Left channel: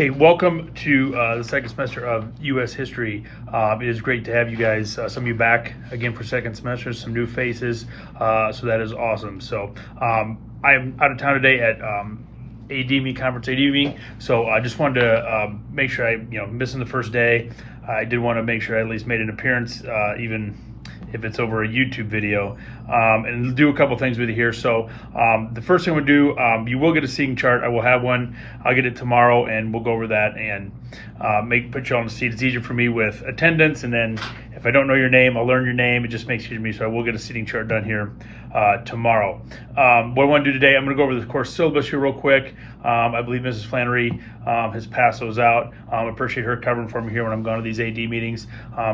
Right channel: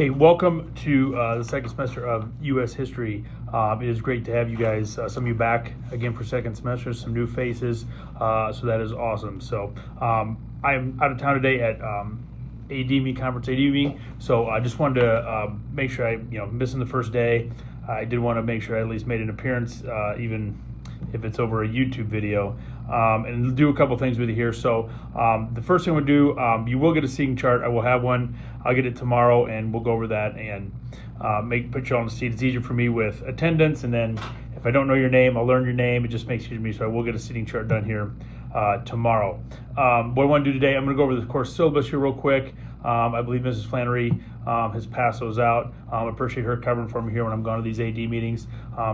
Hey, welcome to the second semester of U.S. History. It is great to have you guys, some of you back again for second semester, some new faces, so that is awesome. So I'm out of town today at AD conference AD meeting, so I just wanted to make sure missing the first day. I did want to make sure I at least made an appearance, even if it's over a YouTube video, and do a couple things with you here. So the first thing we'll do, you will get a seating chart. I will have one. I'll get it tomorrow, and we'll go over that and put you on the seat. It's easier for me with attendance, and then if I don't know your name, I'll learn your name. It just makes it easier for me, so I will get a seating chart done here tomorrow. What I want to do today, I'm going to go over the course syllabus here real quick. I believe Mrs. Flannery has passed those out. I appreciate her covering for me here when I'm going to these AD meetings.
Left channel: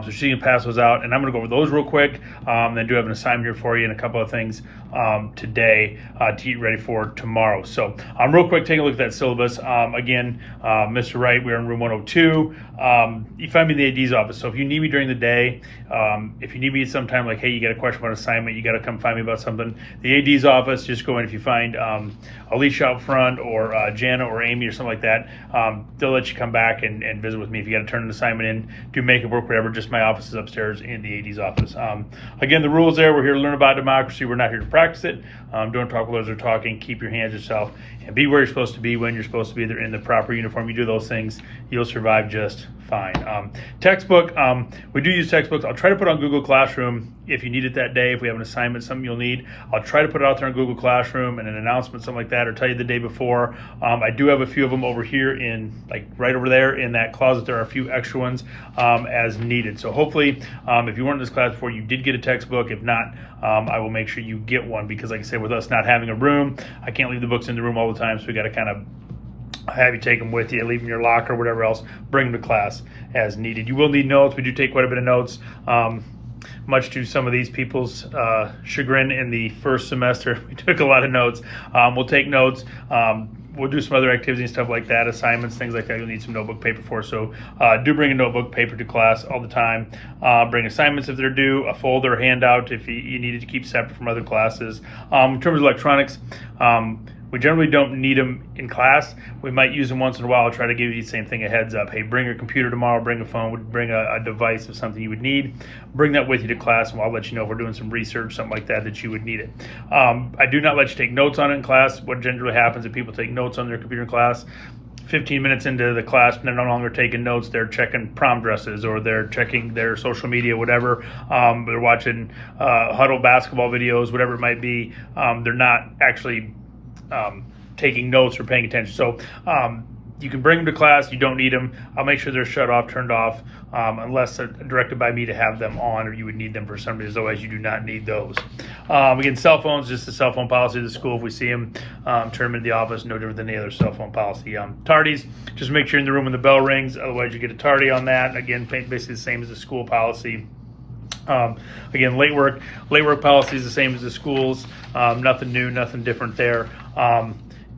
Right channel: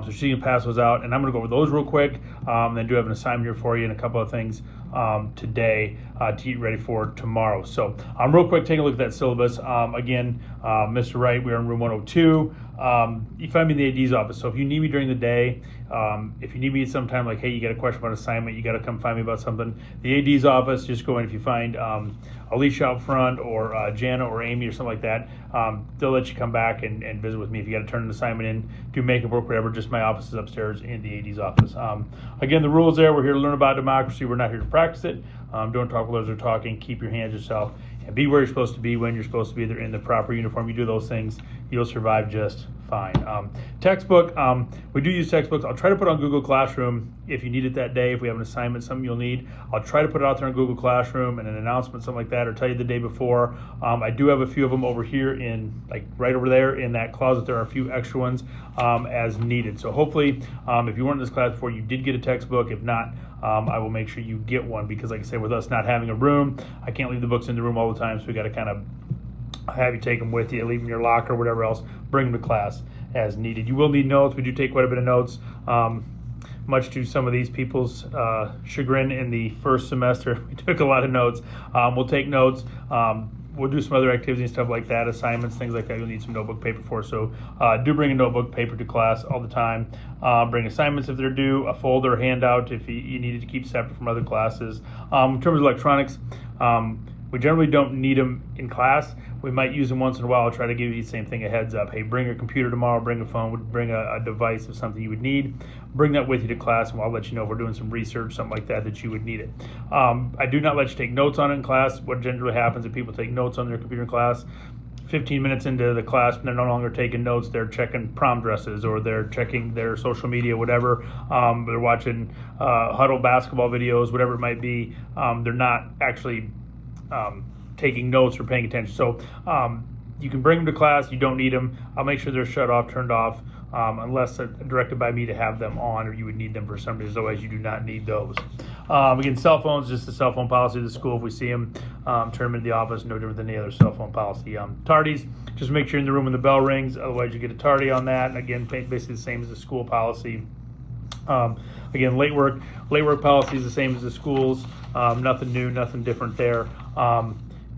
So she can pass those out, and I'm going to go over those real quick. Then I do have an assignment here for you and a couple of things today to get ready for tomorrow. So real quick, take a look at that syllabus. Again, Mr. Wright, we're in room 102. You find me in the AD's office. So if you need me during the day, if you need me sometime, like, hey, you got a question about assignment, you got to come find me about something. The AD's office, just go in. If you find Alicia out front or Jana or Amy or something like that, they'll let you come back and visit with me. If you got to turn an assignment in, do makeup work, whatever, just my office is upstairs in the AD's office. Again, the rules there, we're here to learn about democracy. We're not here to practice it. Don't talk while others are talking. Keep your hands to yourself and be where you're supposed to be when you're supposed to be. They're in the proper uniform. You do those things, you'll survive just fine. Textbook, we do use textbooks. I'll try to put on Google Classroom if you need it that day. If we have an assignment, something you'll need, I'll try to put it out there on Google Classroom and an announcement, something like that, or tell you the day before. I do have a few of them over here in, like, right over there in that closet. There are a few extra ones as needed. So hopefully, if you weren't in this class before, you did get a textbook. If not, I will make sure you get one, because like I said, with us not having a room, I can't leave the books in the room all the time, so we got to kind of have you take them with you, leave them in your locker, whatever else, bring them to class as needed. You will need notes. We do take quite a bit of notes, much to some of these people's chagrin in the first semester. We took a lot of notes. We'll take notes. We'll do some other activities and stuff like that, assignments, things like that. You'll need some notebook paper for. So do bring a notebook paper to class all the time. Bring assignments if they're due, a folder, a handout if you needed to keep separate from other classes. In terms of electronics, we generally don't need them in class. We might use them once in a while. I'll try to give you the same thing, a heads up. Hey, bring your computer tomorrow, bring a phone, bring a device of something you would need. Bring that with you to class, and I'll let you know if we're doing some research, something like that you would need it. I do not let you take notes on it in class. What generally happens if people take notes on their computer in class, 15 minutes into the class, they're no longer taking notes, they're checking prom dresses, or they're checking their social media, whatever. They're watching huddle basketball videos, whatever it might be. They're not actually taking notes or paying attention. So you can bring them to class. You don't need them. I'll make sure they're shut off, turned off, unless they're directed by me to have them on, or you would need them for some reason. Otherwise, you do not need those. Again, cell phones, just the cell phone policy of the school. If we see them, turn them into the office, no different than any other cell phone policy. Tardies, just make sure you're in the room when the bell rings. Otherwise, you get a tardy on that. Again, basically the same as the school policy. Again, late work policy is the same as the schools. Nothing new, nothing different there.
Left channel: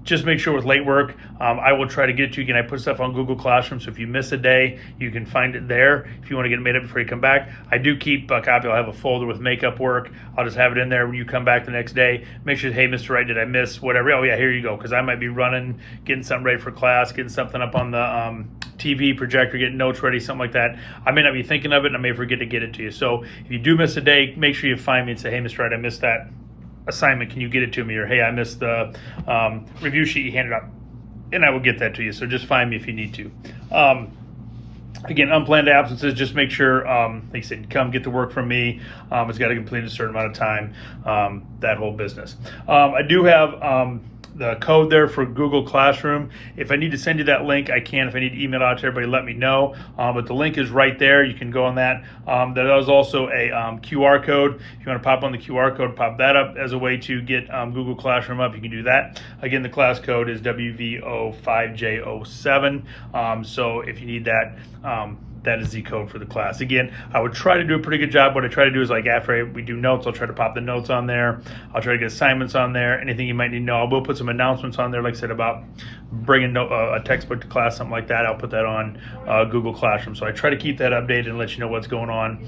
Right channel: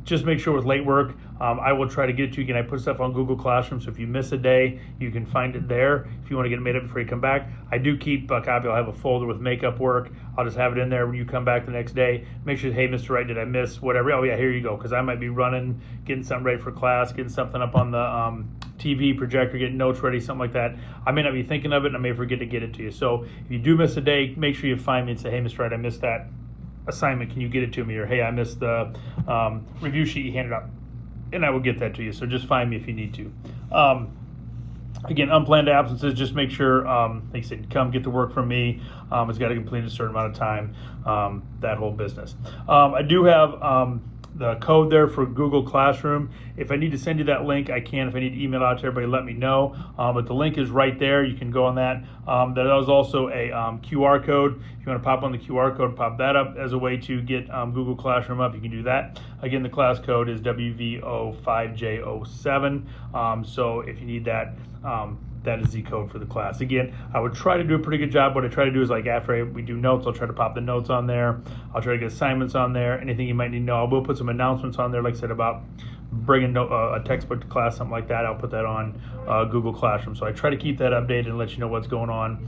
Just make sure with late work, I will try to get you. Again, I put stuff on Google Classroom, so if you miss a day, you can find it there. If you want to get it made up before you come back, I do keep a copy. I'll have a folder with makeup work. I'll just have it in there when you come back the next day. Make sure, hey, Mr. Wright, did I miss whatever? Oh, yeah, here you go, because I might be running, getting something ready for class, getting something up on the TV projector, getting notes ready, something like that. I may not be thinking of it, and I may forget to get it to you. So if you do miss a day, make sure you find me and say, hey, Mr. Wright, I missed that assignment, can you get it to me? Or, hey, I missed the review sheet you handed out, and I will get that to you. So just find me if you need to. Again, unplanned absences, just make sure, like I said, come get the work from me. It's got to complete a certain amount of time, that whole business. I do have the code there for Google Classroom. If I need to send you that link, I can. If I need to email out to everybody, let me know. But the link is right there. You can go on that. There is also a QR code. If you want to pop on the QR code, pop that up as a way to get Google Classroom up. You can do that. Again, the class code is WVO5J07. So if you need that, that is the code for the class. Again, I would try to do a pretty good job. What I try to do is, like, after we do notes, I'll try to pop the notes on there. I'll try to get assignments on there. Anything you might need to know. I will put some announcements on there, like I said, about bringing a textbook to class, something like that. I'll put that on Google Classroom. So I try to keep that updated and let you know what's going on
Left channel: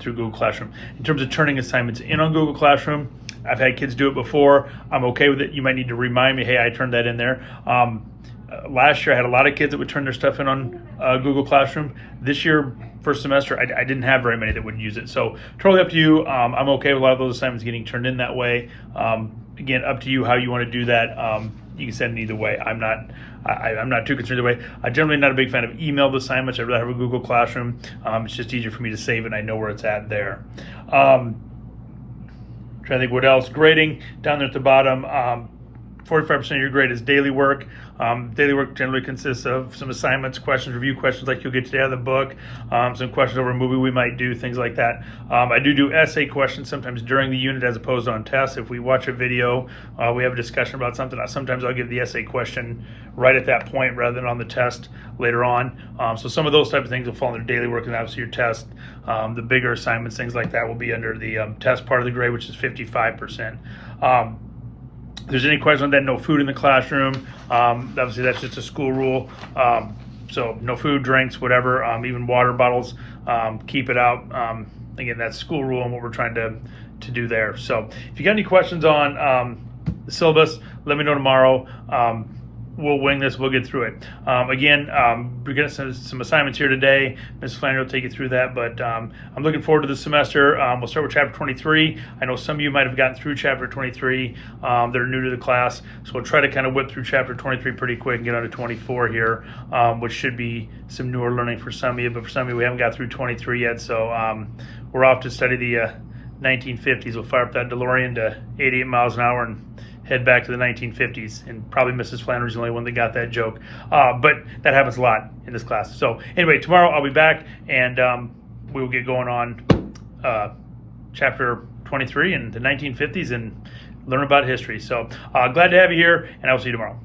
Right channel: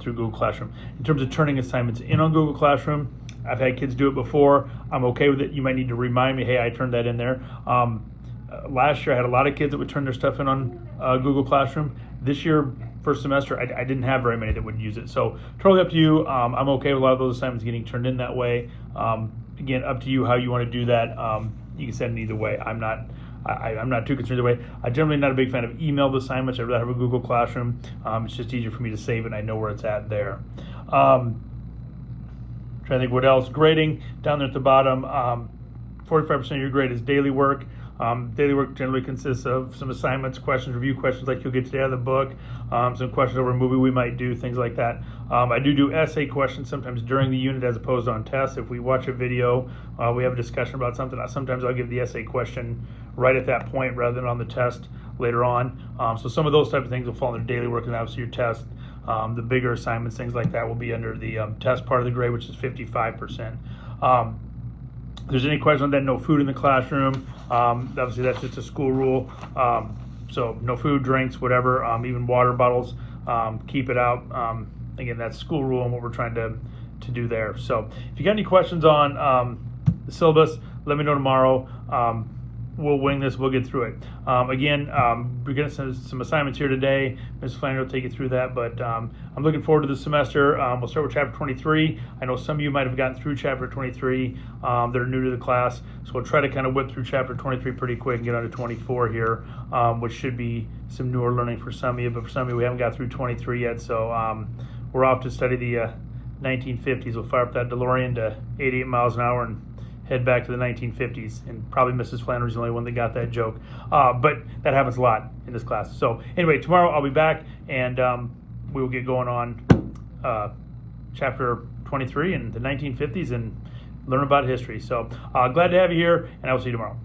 through Google Classroom. In terms of turning assignments in on Google Classroom, I've had kids do it before. I'm okay with it. You might need to remind me, hey, I turned that in there. last year I had a lot of kids that would turn their stuff in on Google Classroom. This year, first semester, I didn't have very many that would use it. So totally up to you. I'm okay with a lot of those assignments getting turned in that way. Again, up to you how you want to do that. You can send it either way. I'm not too concerned either way. I'm generally not a big fan of emailed assignments. I'd rather have a Google Classroom. It's just easier for me to save it and I know where it's at there. Trying to think what else. Grading down there at the bottom. 45% of your grade is daily work. Daily work generally consists of some assignments, questions, review questions like you'll get today out of the book, some questions over a movie we might do, things like that. I do essay questions sometimes during the unit as opposed to on tests. If we watch a video, we have a discussion about something, sometimes I'll give the essay question right at that point rather than on the test later on. So some of those type of things will fall under daily work and obviously your test. The bigger assignments, things like that, will be under the test part of the grade, which is 55%. If there's any questions on that, no food in the classroom. Obviously, that's just a school rule. So no food, drinks, whatever, even water bottles, keep it out. Again, that's school rule and what we're trying to do there. So if you got any questions on the syllabus, let me know tomorrow. We'll wing this. We'll get through it. Again, we're getting some assignments here today. Ms. Flannery will take you through that, but I'm looking forward to the semester. We'll start with Chapter 23. I know some of you might have gotten through Chapter 23 that are new to the class, so we'll try to kind of whip through Chapter 23 pretty quick and get on to 24 here, which should be some newer learning for some of you, but for some of you, we haven't got through 23 yet, so we're off to study the 1950s. We'll fire up that DeLorean to 88 miles an hour and head back to the 1950s, and probably Mrs. Flannery's the only one that got that joke. But that happens a lot in this class. So anyway, tomorrow I'll be back, and we will get going on chapter 23 and the 1950s and learn about history. So glad to have you here, and I will see you tomorrow.